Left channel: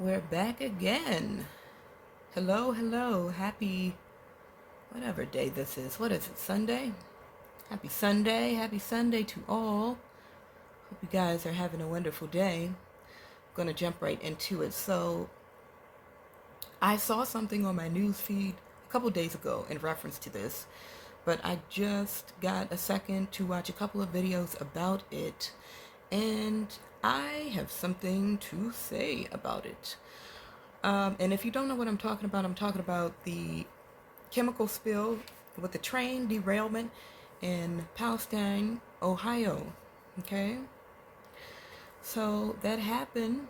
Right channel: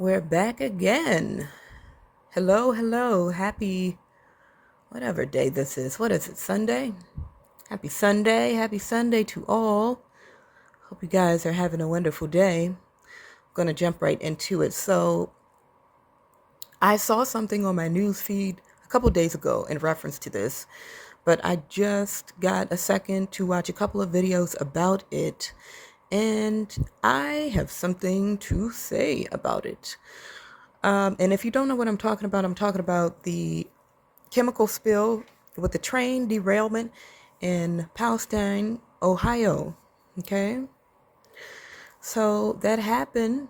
We're back again. Hello, hello. Happy whatever day this is. What is it? Sunday? Happy Sunday. Happy Sunday to all. Hope you guys are having a wonderful day. I'm going to jump right into it. So, I saw something on my news feed a couple days ago in reference to this, but I just got a second to watch a couple of videos about it, and I have something to say about it. And if you don't know what I'm talking about the chemical spill with the train derailment in Palestine, Ohio. Okay? So that happened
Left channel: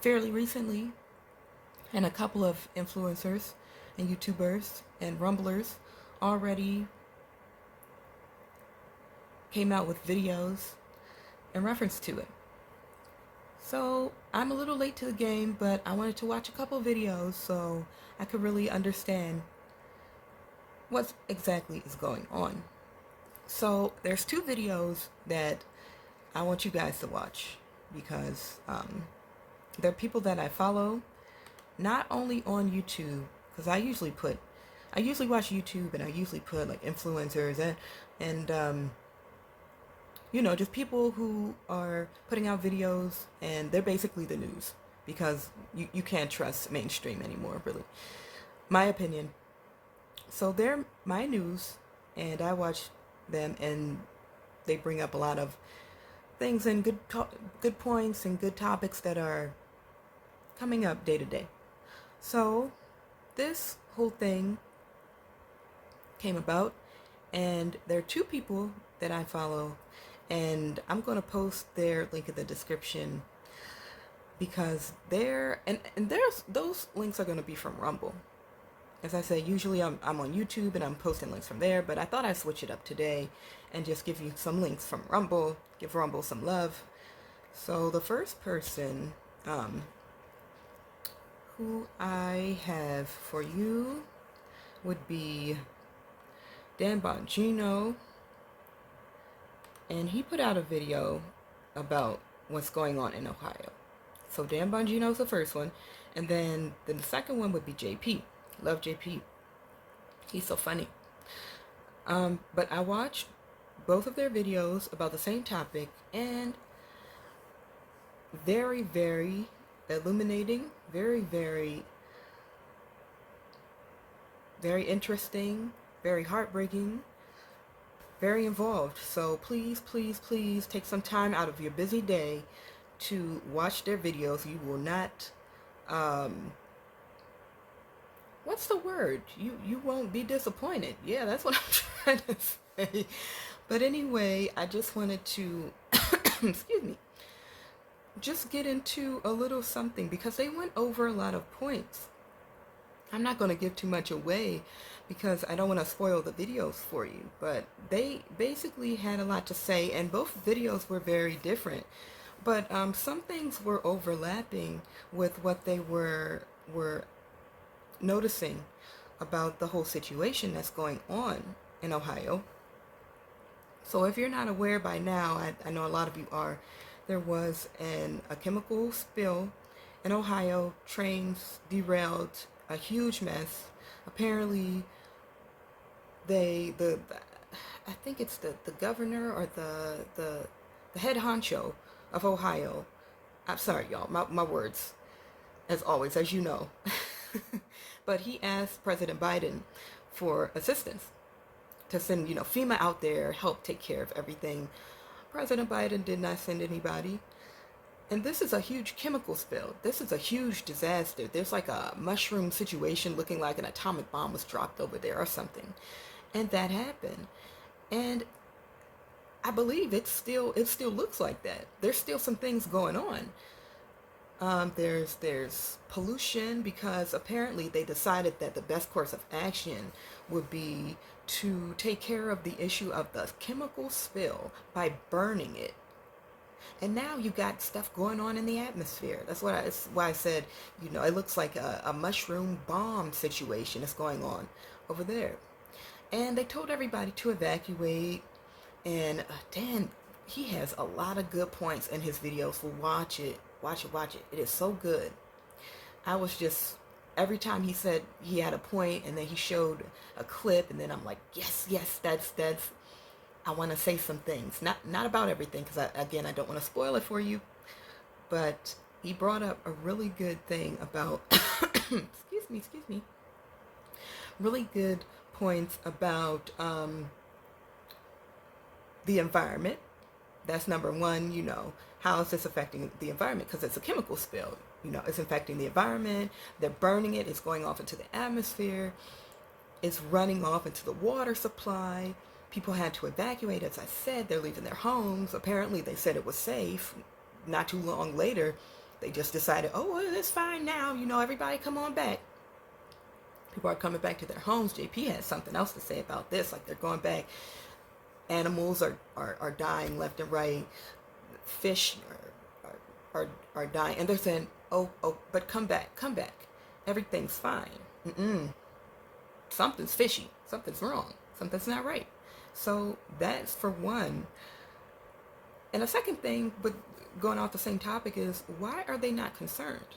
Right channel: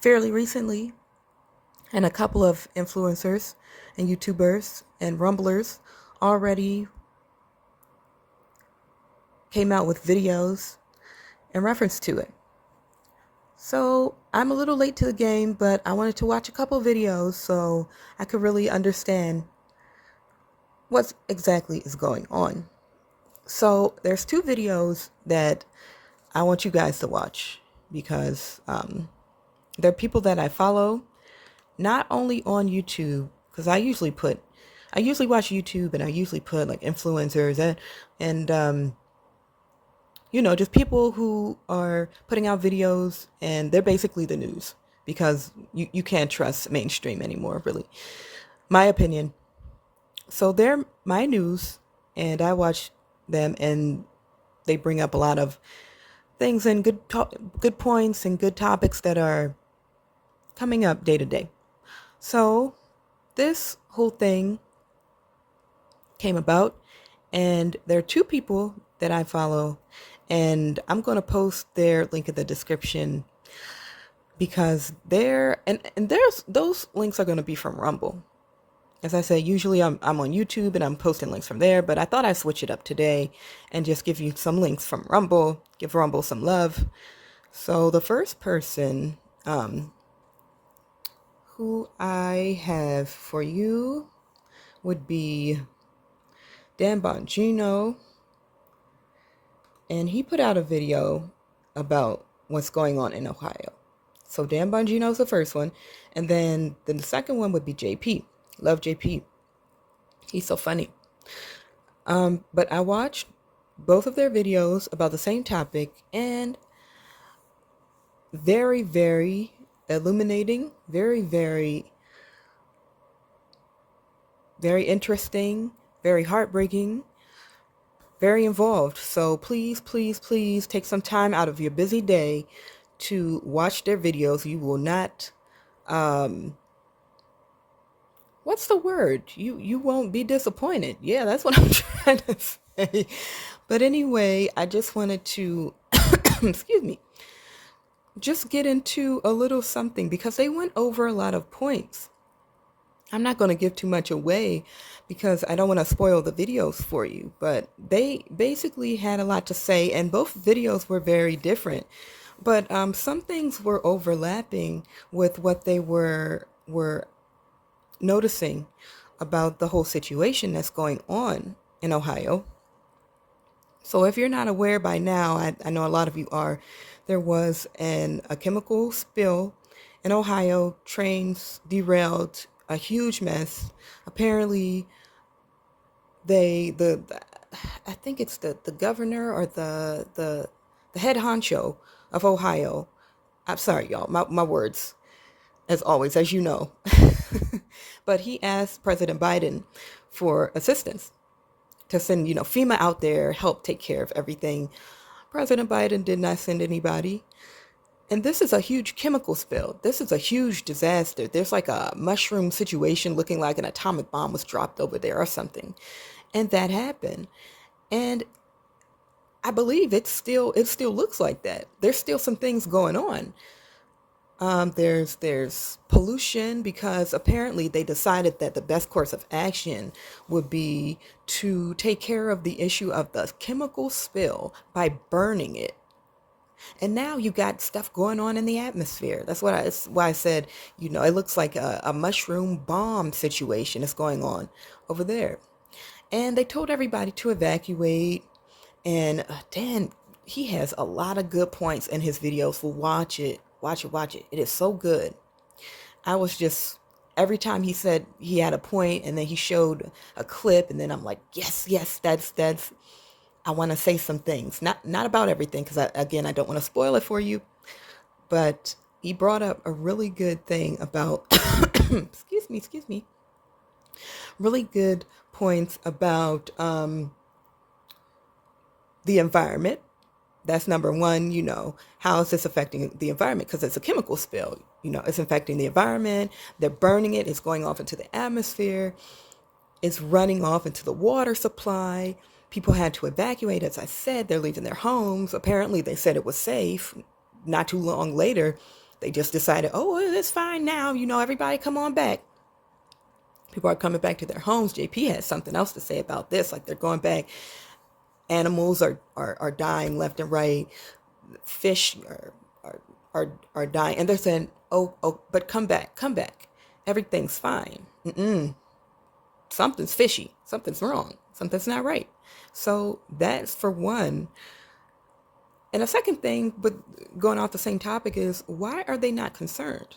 fairly recently, and a couple of influencers and YouTubers and Rumblers already came out with videos in reference to it. So I'm a little late to the game, but I wanted to watch a couple videos so I could really understand what exactly is going on. So there's two videos that I want you guys to watch because they're people that I follow, not only on YouTube, because I usually watch YouTube and I usually put like influencers and just people who are putting out videos and they're basically the news because you can't trust mainstream anymore, really. My opinion. So they're my news and I watch them and they bring up a lot of things and good points and good topics that are coming up day to day. So this whole thing came about, and there are two people that I follow, and I'm going to post their link in the description because there's those links are going to be from Rumble. As I say, usually I'm on YouTube and I'm posting links from there, but I thought I'd switch it up today and just give you some links from Rumble, give Rumble some love. So the first person who I have for you would be Dan Bongino, and he put out a video about what's going on in Ohio. So Dan Bongino is the first one, and then the second one would be JP. Love JP. He's so funny. But I watched both of their videos about the same topic, and very, very illuminating, very, very, very interesting, very heartbreaking, very involved. So please, please, please take some time out of your busy day to watch their videos. You will not, what's the word? You won't be disappointed. Yeah, that's what I'm trying to say. But anyway, I just wanted to, excuse me, just get into a little something because they went over a lot of points. I'm not going to give too much away because I don't want to spoil the videos for you, but they basically had a lot to say, and both videos were very different. But some things were overlapping with what they were noticing about the whole situation that's going on in Ohio. So if you're not aware by now, I know a lot of you are, there was a chemical spill in Ohio, trains derailed, a huge mess. Apparently, the I think it's the governor or the head honcho of Ohio. I'm sorry, y'all, my words, as always, as you know. But he asked President Biden for assistance to send, FEMA out there, help take care of everything. President Biden did not send anybody. And this is a huge chemical spill. This is a huge disaster. There's like a mushroom situation looking like an atomic bomb was dropped over there or something. And that happened. And I believe it still looks like that. There's still some things going on. There's pollution because apparently they decided that the best course of action would be to take care of the issue of the chemical spill by burning it. And now you got stuff going on in the atmosphere. That's why I said, it looks like a mushroom bomb situation is going on over there. And they told everybody to evacuate. And Dan, he has a lot of good points in his videos. So watch it. Watch it. It is so good. I was just, every time he said he had a point and then he showed a clip, and then I'm like, yes, yes, that's, I want to say some things, not about everything, because again, I don't want to spoil it for you, but he brought up a really good thing about, excuse me, really good points about the environment. That's number one. How is this affecting the environment? Because it's a chemical spill. It's affecting the environment. They're burning it. It's going off into the atmosphere. It's running off into the water supply. People had to evacuate. As I said, they're leaving their homes. Apparently, they said it was safe. Not too long later, they just decided, oh, it's fine now. Everybody come on back. People are coming back to their homes. JP has something else to say about this. Like, they're going back. Animals are dying left and right. Fish are dying. And they're saying, oh, but come back. Everything's fine. Something's fishy. Something's wrong. Something's not right. So that's for one. And a second thing, but going off the same topic, is why are they not concerned?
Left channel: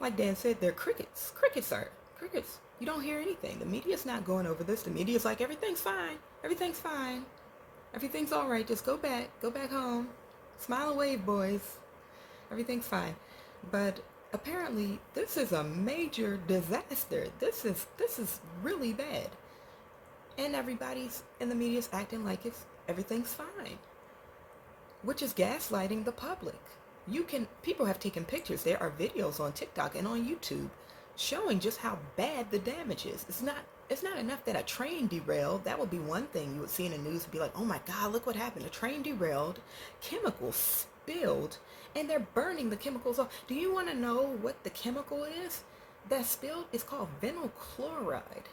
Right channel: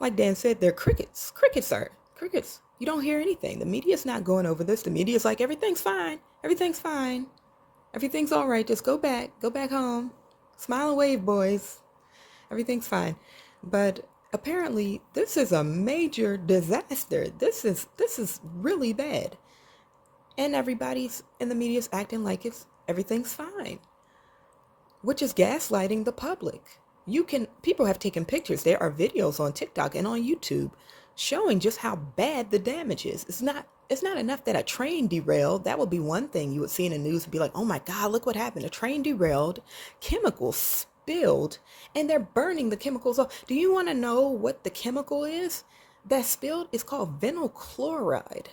Like Dan said, they're crickets. Crickets. You don't hear anything. The media's not going over this. The media's like, everything's fine. Everything's fine. Everything's all right. Just go back home. Smile and wave, boys. Everything's fine. But apparently, this is a major disaster. This is really bad. And everybody's in the media's acting like everything's fine, which is gaslighting the public. People have taken pictures. There are videos on TikTok and on YouTube showing just how bad the damage is. It's not enough that a train derailed. That would be one thing you would see in the news and be like, oh my God, look what happened. A train derailed, chemicals spilled, and they're burning the chemicals off. Do you want to know what the chemical is that spilled? It's called vinyl chloride.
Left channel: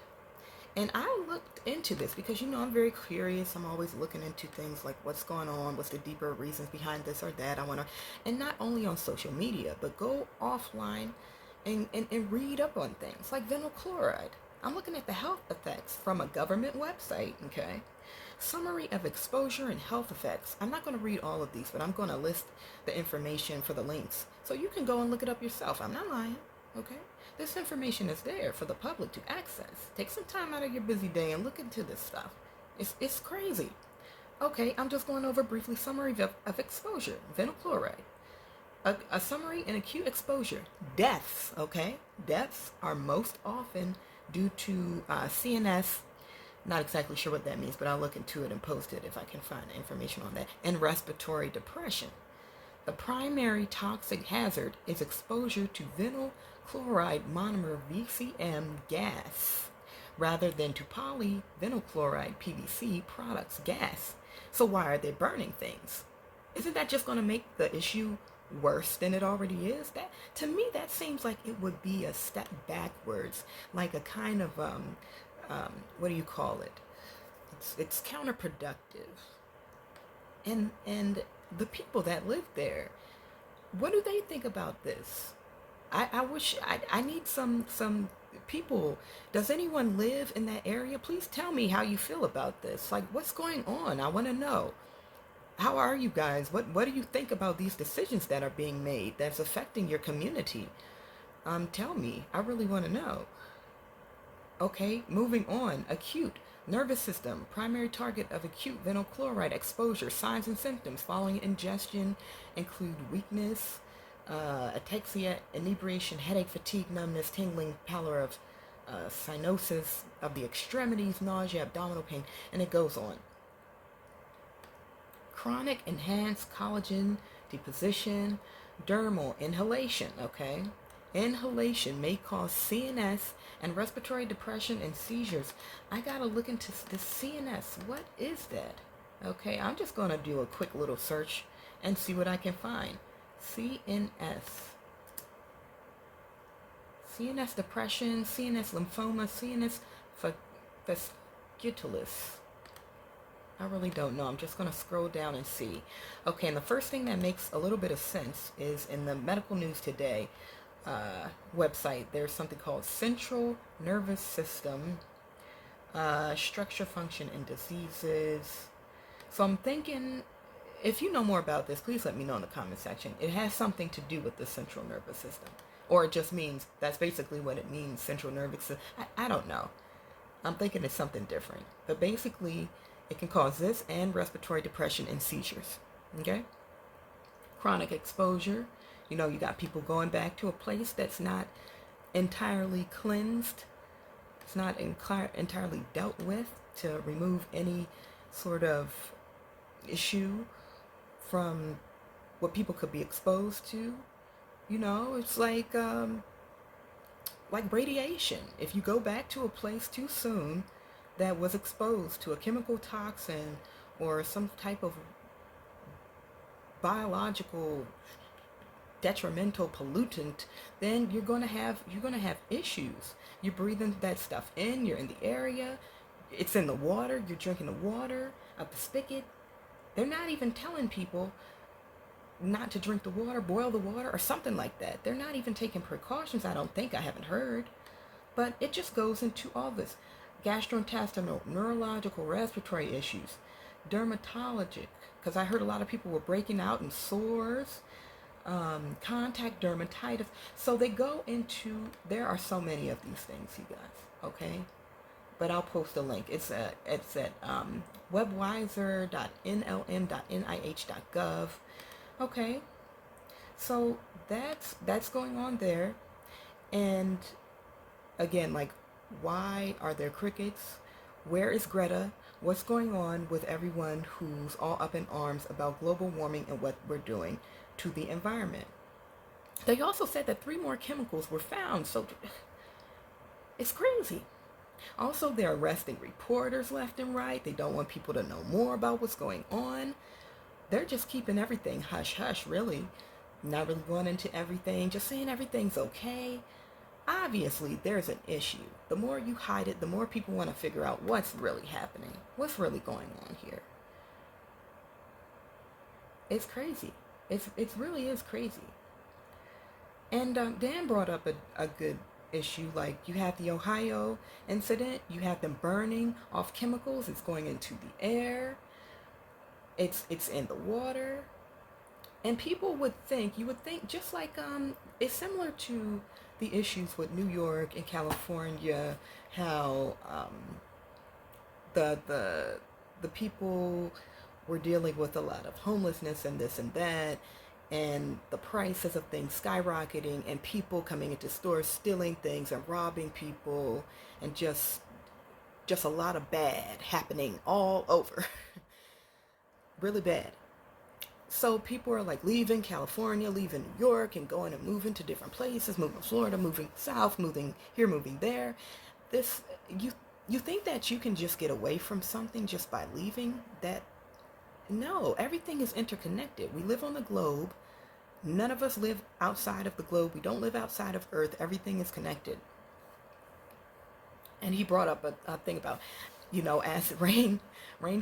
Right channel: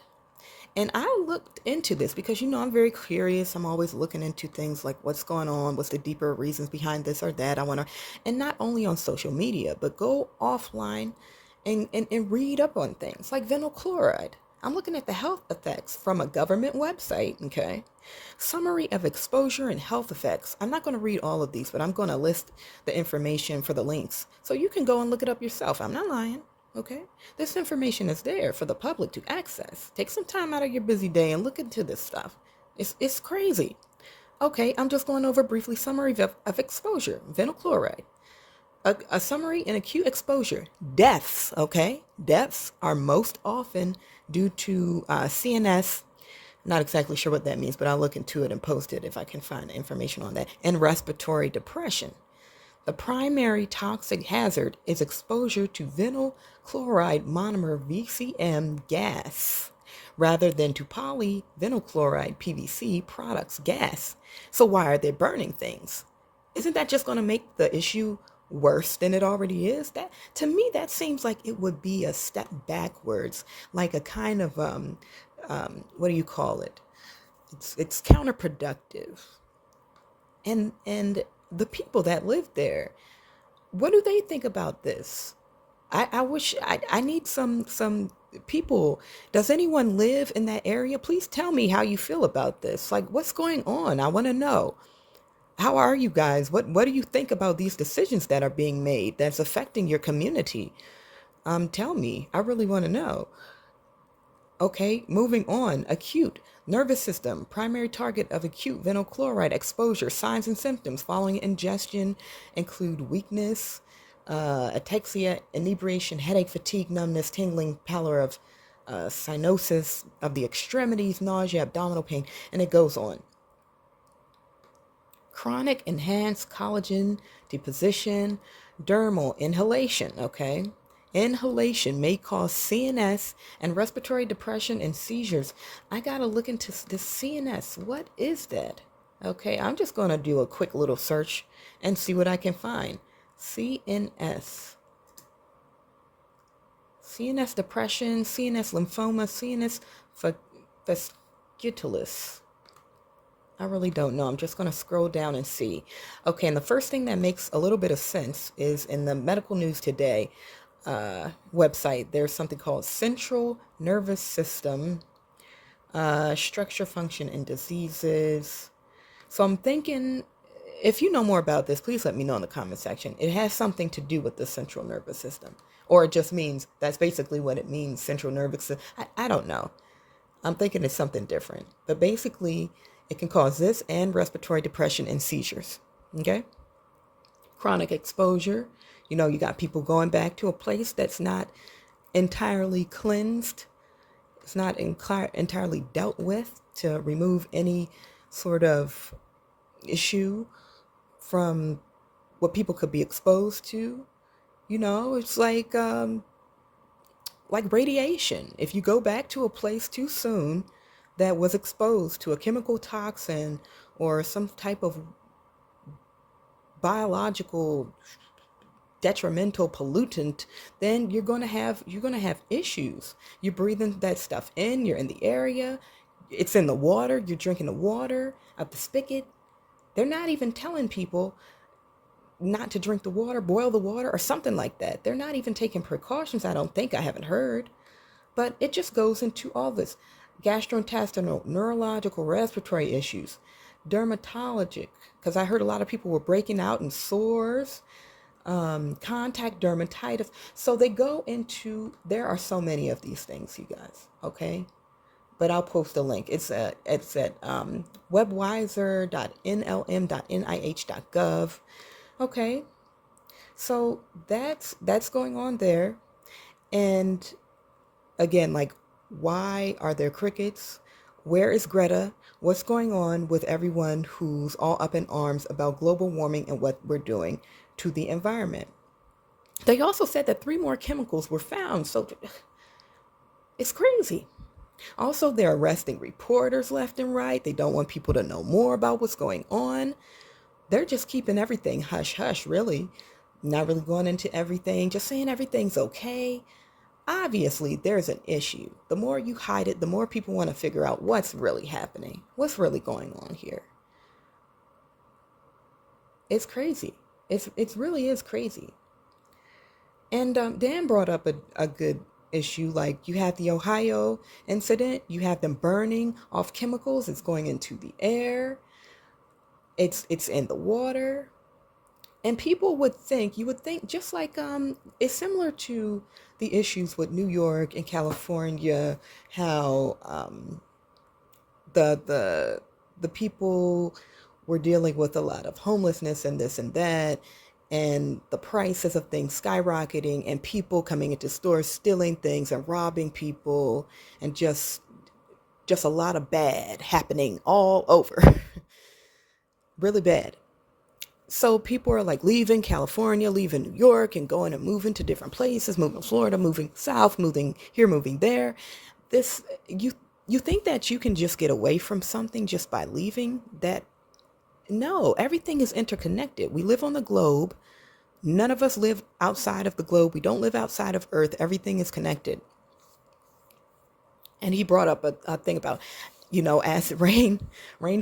And I looked into this because, I'm very curious. I'm always looking into things like what's going on, what's the deeper reasons behind this or that. And not only on social media, but go offline and read up on things like vinyl chloride. I'm looking at the health effects from a government website, okay? Summary of exposure and health effects. I'm not going to read all of these, but I'm going to list the information for the links. So you can go and look it up yourself. I'm not lying. Okay? This information is there for the public to access. Take some time out of your busy day and look into this stuff. It's crazy. Okay, I'm just going over briefly summary of exposure. Vinyl chloride. A summary in acute exposure. Deaths, okay? Deaths are most often due to CNS. Not exactly sure what that means, but I'll look into it and post it if I can find information on that. And respiratory depression. The primary toxic hazard is exposure to vinyl chloride monomer VCM gas rather than to polyvinyl chloride PVC products gas. So why are they burning things? Isn't that just going to make the issue worse than it already is? That, to me, that seems like it would be a step backwards, like a kind of what do you call it? It's counterproductive. And the people that live there, what do they think about this? I wish I need some people. Does anyone live in that area? Please tell me how you feel about this. Like, what's going on? I want to know. How are you guys? What do you think about these decisions that are being made that's affecting your community? Tell me. I really want to know. Okay, moving on. Acute nervous system. Primary target of acute vinyl chloride exposure. Signs and symptoms following ingestion include weakness, ataxia, inebriation, headache, fatigue, numbness, tingling, pallor of cyanosis of the extremities, nausea, abdominal pain, and it goes on. Chronic enhanced collagen deposition, dermal inhalation, okay? Inhalation may cause CNS and respiratory depression and seizures. I gotta look into the CNS. What is that? Okay, I'm just gonna do a quick little search and see what I can find. CNS. CNS depression, CNS lymphoma, CNS fasciculus. I really don't know. I'm just going to scroll down and see. Okay, and the first thing that makes a little bit of sense is in the Medical News Today website, there's something called Central Nervous System, Structure, Function, and Diseases. So I'm thinking, if you know more about this, please let me know in the comment section. It has something to do with the central nervous system. Or it just means that's basically what it means, central nervous system. I don't know. I'm thinking it's something different. But basically, it can cause this and respiratory depression and seizures. Okay? Chronic exposure. You got people going back to a place that's not entirely cleansed. It's not entirely dealt with to remove any sort of issue from what people could be exposed to. It's like radiation. If you go back to a place too soon that was exposed to a chemical toxin or some type of biological detrimental pollutant, then you're going to have issues. You're breathing that stuff in, you're in the area, it's in the water, you're drinking the water out the spigot. They're not even telling people not to drink the water, boil the water, or something like that. They're not even taking precautions, I don't think. I haven't heard. But it just goes into all this gastrointestinal, neurological, respiratory issues, dermatologic, because I heard a lot of people were breaking out in sores, contact dermatitis. So they go into, there are so many of these things, you guys, okay? But I'll post a link. It's at webwiser.nlm.nih.gov. Okay, so that's going on there. And again, like, why are there crickets? Where is Greta? What's going on with everyone who's all up in arms about global warming and what we're doing to the environment? They also said that 3 more chemicals were found, so it's crazy. Also, they're arresting reporters left and right. They don't want people to know more about what's going on. They're just keeping everything hush hush, really. Not really going into everything, just saying everything's okay. Obviously, there's an issue. The more you hide it, the more people want to figure out what's really happening, what's really going on here. It's crazy. It really is crazy. And Dan brought up a good issue. Like, you have the Ohio incident, you have them burning off chemicals, it's going into the air, it's in the water. And people you would think, just like it's similar to the issues with New York and California, how the people were dealing with a lot of homelessness and this and that, and the prices of things skyrocketing, and people coming into stores stealing things and robbing people, and just a lot of bad happening all over. Really bad. So people are like leaving California, leaving New York, and going and moving to different places, moving to Florida, moving south, moving here, moving there. This you think that you can just get away from something just by leaving? That No, everything is interconnected. We live on the globe. None of us live outside of the globe. We don't live outside of Earth. Everything is connected. And he brought up a thing about, acid rain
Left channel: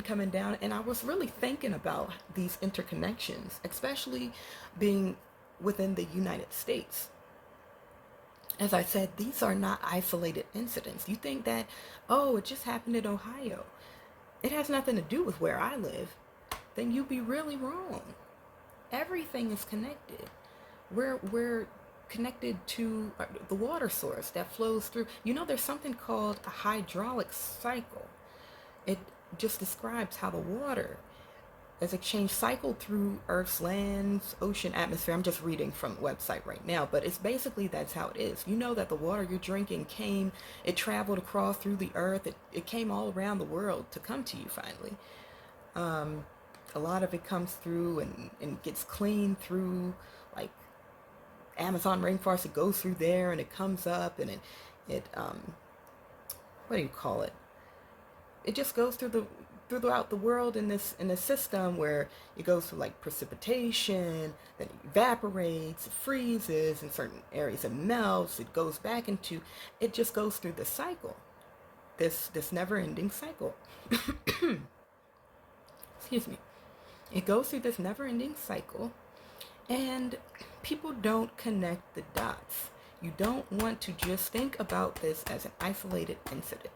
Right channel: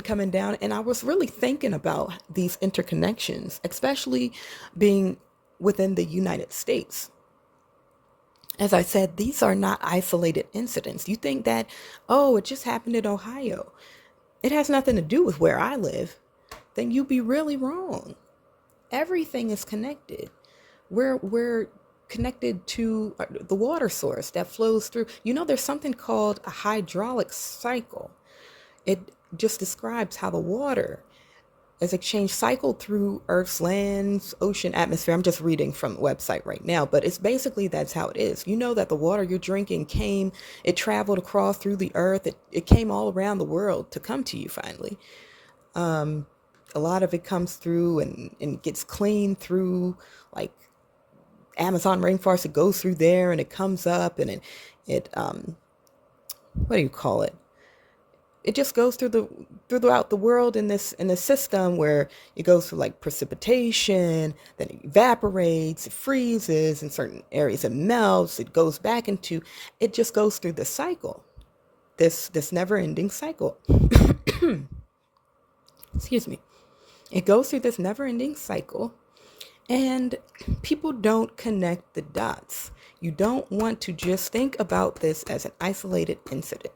coming down. And I was really thinking about these interconnections, especially being within the United States. As I said, these are not isolated incidents. You think that, oh, it just happened in Ohio. It has nothing to do with where I live. Then you'd be really wrong. Everything is connected. We're connected to the water source that flows through. There's something called a hydraulic cycle. It just describes how the water is exchanged, cycled through Earth's lands, ocean, atmosphere. I'm just reading from the website right now, but it's basically that's how it is. That the water you're drinking it traveled across through the earth. It came all around the world to come to you finally. A lot of it comes through and gets cleaned through, like Amazon rainforest. It goes through there and it comes up, and it what do you call it? It just goes throughout the world in this system, where it goes through like precipitation, then it evaporates, it freezes in certain areas, it melts, it goes back into, it just goes through this cycle, this never-ending cycle. Excuse me. It goes through this never-ending cycle, and people don't connect the dots. You don't want to just think about this as an isolated incident,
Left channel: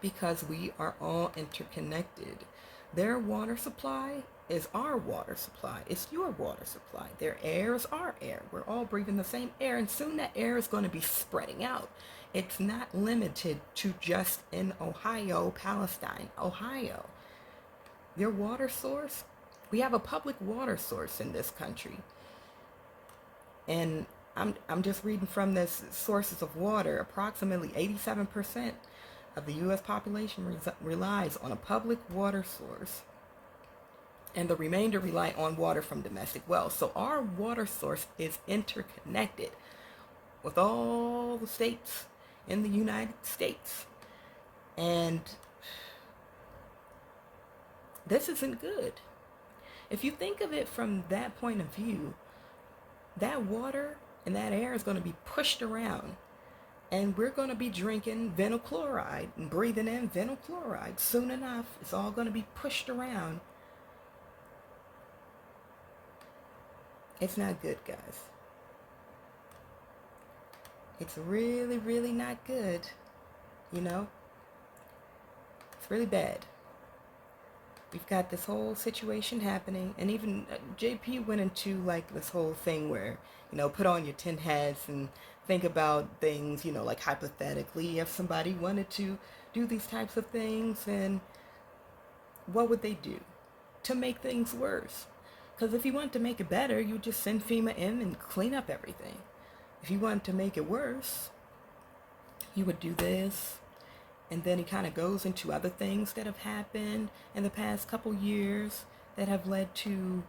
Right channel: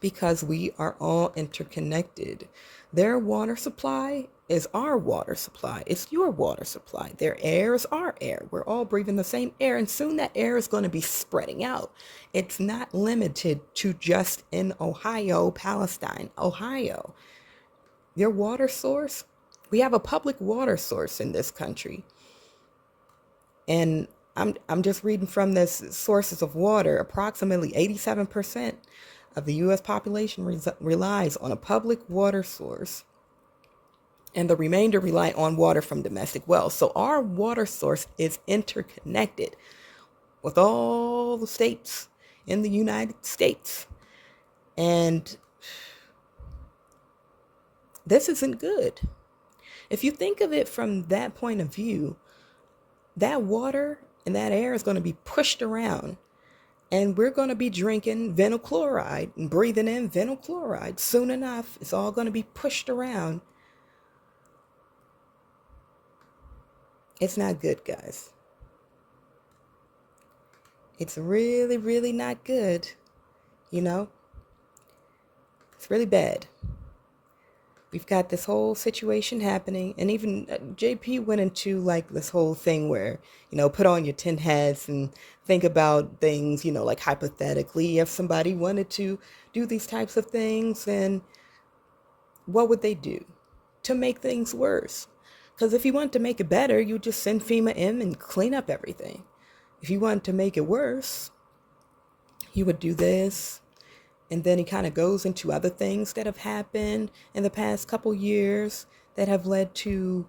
because we are all interconnected. Their water supply is our water supply. It's your water supply. Their air is our air. We're all breathing the same air, and soon that air is going to be spreading out. It's not limited to just in Ohio, Palestine, Ohio. Their water source, we have a public water source in this country. And I'm just reading from this sources of water. Approximately 87% of the U.S. population relies on a public water source, and the remainder rely on water from domestic wells. So our water source is interconnected with all the states in the United States. And this isn't good. If you think of it from that point of view, that water and that air is going to be pushed around, and we're going to be drinking vinyl chloride and breathing in vinyl chloride. Soon enough, it's all going to be pushed around. It's not good, guys. It's really, really not good. You know, it's really bad. We've got this whole situation happening, and even JP went into like this whole thing where, put on your tin hats and think about things, like hypothetically, if somebody wanted to do these types of things, then what would they do to make things worse? Because if you want to make it better, you just send FEMA in and clean up everything. If you want to make it worse, you would do this. And then he kind of goes into other things that have happened in the past couple years that have led to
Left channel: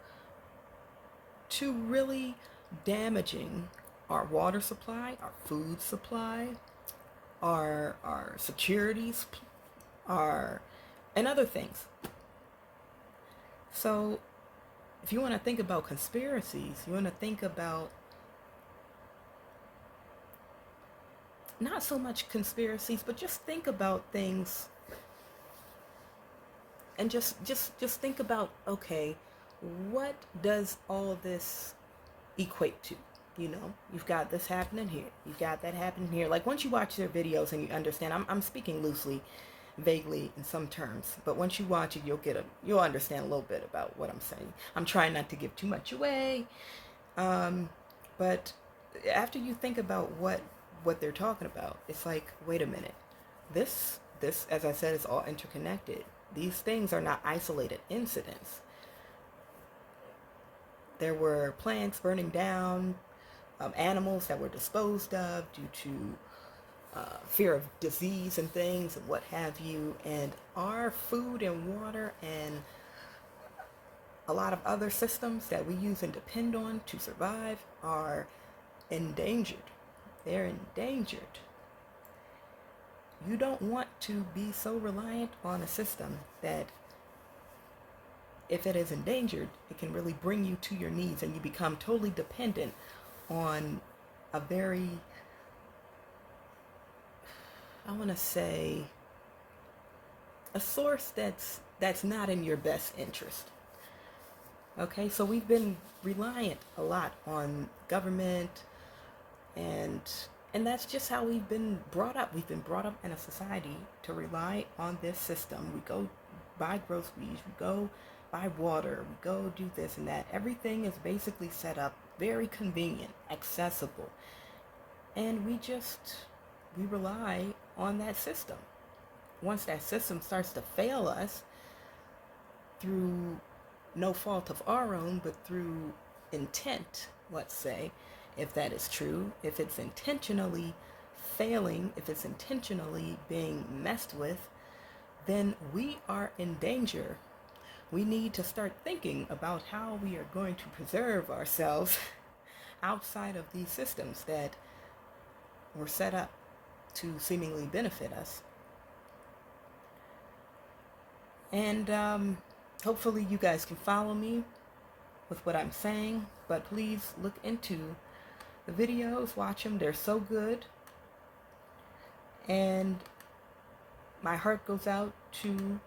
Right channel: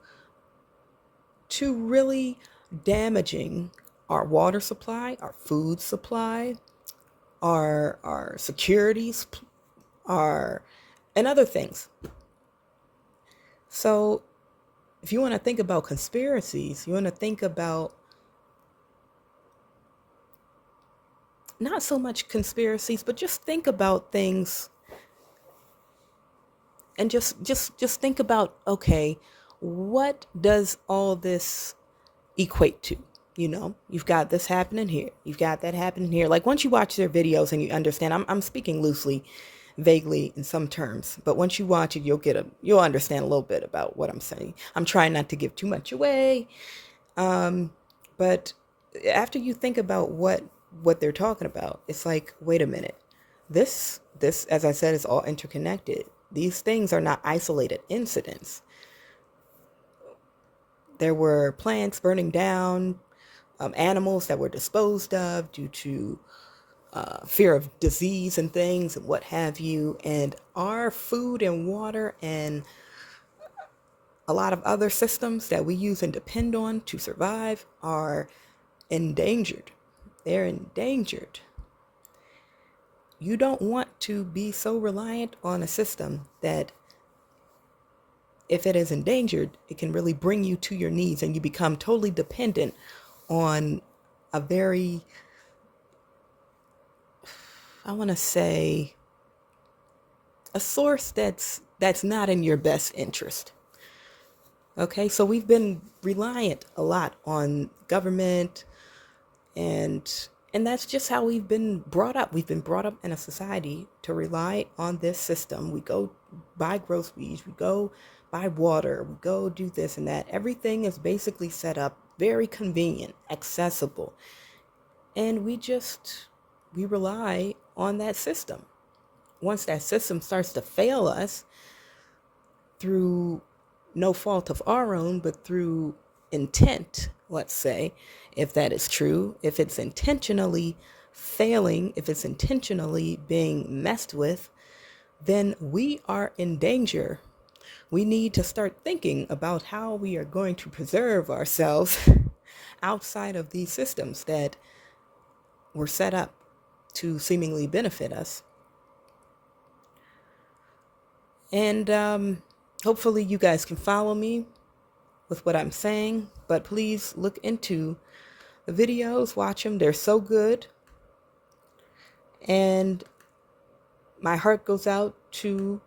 really damaging our water supply, our food supply, our securities, and other things. So if you want to think about conspiracies, you want to think about not so much conspiracies, but just think about things and just think about, okay, what does all this equate to? You've got this happening here. You've got that happening here. Like once you watch their videos and you understand, I'm speaking loosely, vaguely in some terms, but once you watch it, you'll understand a little bit about what I'm saying. I'm trying not to give too much away. But after you think about what they're talking about, it's like, wait a minute. This, as I said, is all interconnected. These things are not isolated incidents. There were plants burning down, animals that were disposed of due to fear of disease and things and what have you. And our food and water and a lot of other systems that we use and depend on to survive are endangered. They're endangered. You don't want to be so reliant on a system that if it is endangered, it can really bring you to your knees and you become totally dependent on a very, I want to say, a source that's not in your best interest. Okay, so we've been reliant a lot on government, and that's just how we've been brought up. We've been brought up in a society to rely on this system. We go buy groceries, we go buy water, we go do this and that. Everything is basically set up very convenient, accessible. And we rely on that system. Once that system starts to fail us through no fault of our own, but through intent, let's say, if that is true, if it's intentionally failing, if it's intentionally being messed with, then we are in danger. We need to start thinking about how we are going to preserve ourselves outside of these systems that were set up to seemingly benefit us. And hopefully you guys can follow me with what I'm saying, but please look into the videos, watch them. They're so good. And my heart goes out to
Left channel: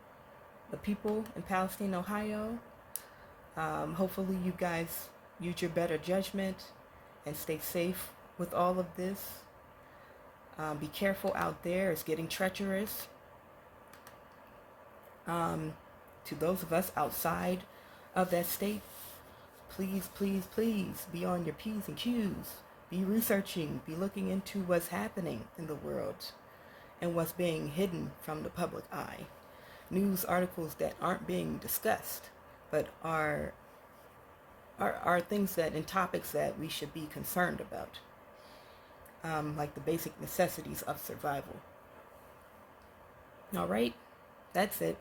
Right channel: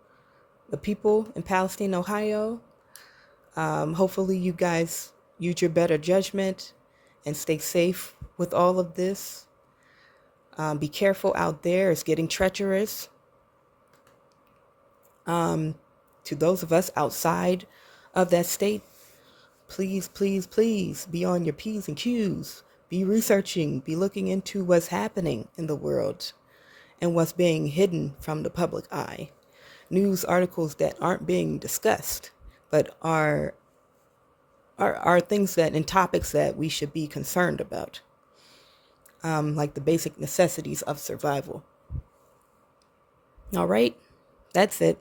the people in Palestine, Ohio. Hopefully you guys use your better judgment and stay safe with all of this. Be careful out there. It's getting treacherous. To those of us outside of that state, please, please, please be on your P's and Q's. Be researching, be looking into what's happening in the world and what's being hidden from the public eye. News articles that aren't being discussed, but are things that and topics that we should be concerned about, like the basic necessities of survival. All right, that's it.